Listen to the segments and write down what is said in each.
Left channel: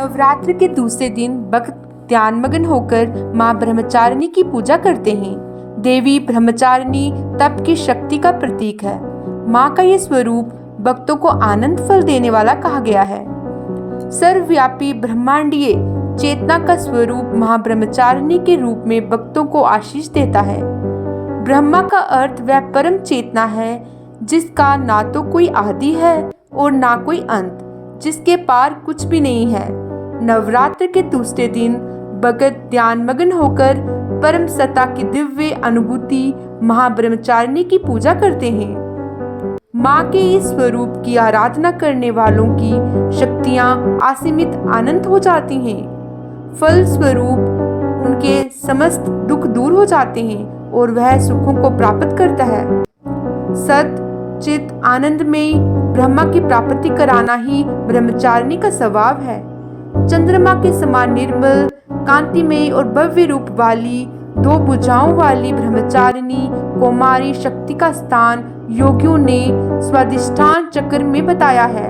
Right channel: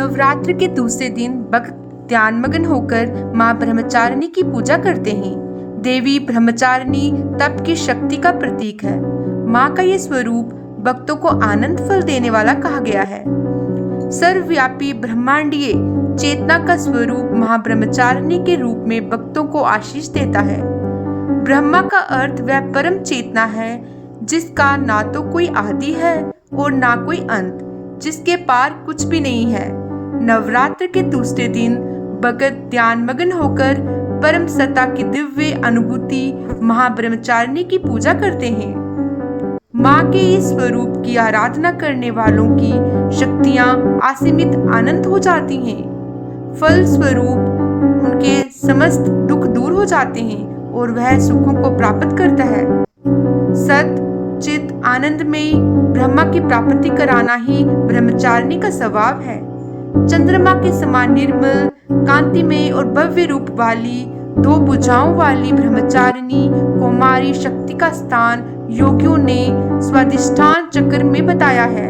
नवरात्र के दूसरे दिन भक्त ध्यानमग्न होकर मां ब्रह्मचारिणी की पूजा करते हैं। देवी ब्रह्मचारिणी तप की शक्ति का प्रतीक है। मां का ये स्वरूप भक्तों को आनंद फल देने वाला कहा गया है। सर्वव्यापी ब्रह्मांडीय चेतना का स्वरूप मां ब्रह्मचारिणी के रूप में भक्तों को आशीष देता है। ब्रह्मा का अर्थ वह परम चेतना है जिसका ना तो कोई आदि है और ना कोई अंत, जिसके पार कुछ भी नहीं है। नवरात्र के दूसरे दिन भगत ध्यानमग्न होकर परम सत्ता की दिव्य अनुभूति महाब्रह्मचारिणी की पूजा करते हैं। मां के इस स्वरूप की आराधना करने वालों की शक्तियां असीमित अनंत हो जाती हैं। फल स्वरूप उनके समस्त दुख दूर हो जाते हैं और वह सुखों को प्राप्त करता है। सत चित आनंदमयी ब्रह्मा की प्राप्ति कराना ही ब्रह्मचारिणी का स्वभाव है। चंद्रमा के समान निर्मल, कांतिमय और भव्य रूप वाली दो भुजाओं वाली ब्रह्मचारिणी कौमारी शक्ति का स्थान योगियों ने स्वाधिष्ठान चक्र में बताया है।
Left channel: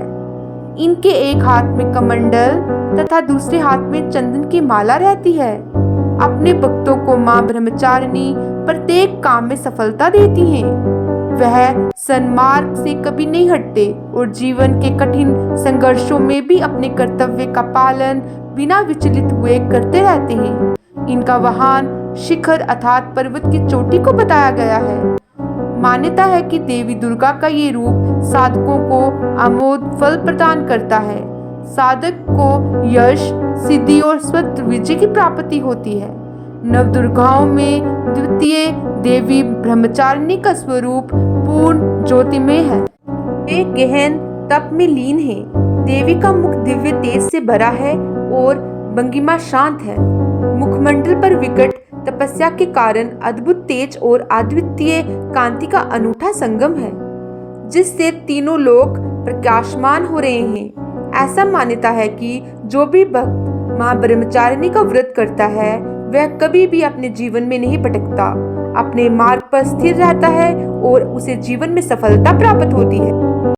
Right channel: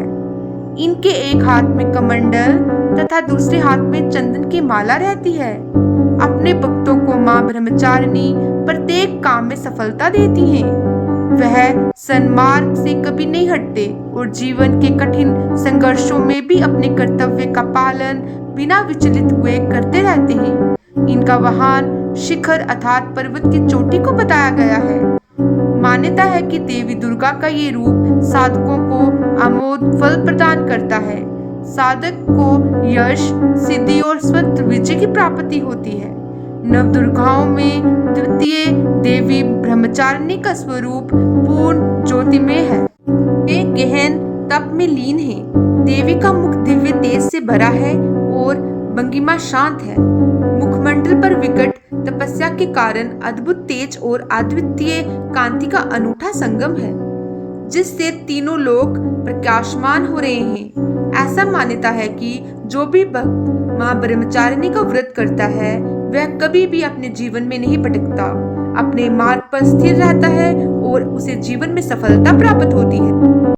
इनके एक हाथ में कमंडल तथा दूसरे हाथ में चंदन की माला रहती है। अपने भक्तों को मां ब्रह्मचारिणी प्रत्येक काम में सफलता देती हैं। वह सन्मार्ग से कभी नहीं हटते और जीवन के कठिन संघर्षों में भी अपने कर्तव्य का पालन बिना विचलित हुए करते रहते हैं। इनका वाहन शिखर अर्थात पर्वत की चोटी को बताया गया है। मान्यता है कि देवी दुर्गा का ये रूप साधकों को अमोघ फल प्रदान करता है। साधक को यश, सिद्धि और स्वतंत्र विजय की प्राप्ति होती है। नवदुर्गाओं में द्वितीय देवी ब्रह्मचारिणी का स्वरूप पूर्ण ज्योतिमय है। वे गहन तप में लीन है। देवी का मुख दिव्य तेज से भरा है और भंगिमा शांत है। मुखमंडल पर विकट तपस्या के कारण अद्भुत तेज और अद्वितीय कांति का अनूठा संगम है, जिससे तीनों लोक प्रकाशमान हो रहे हैं। ऐसा मान्यता है कि जो भी भक्त मां ब्रह्मचारिणी का व्रत करता है वह कभी भी अपने जीवन में नहीं भटकता, अपने मार्ग पर स्थिर रहता है और उसे जीवन में सफलता प्राप्त होती है।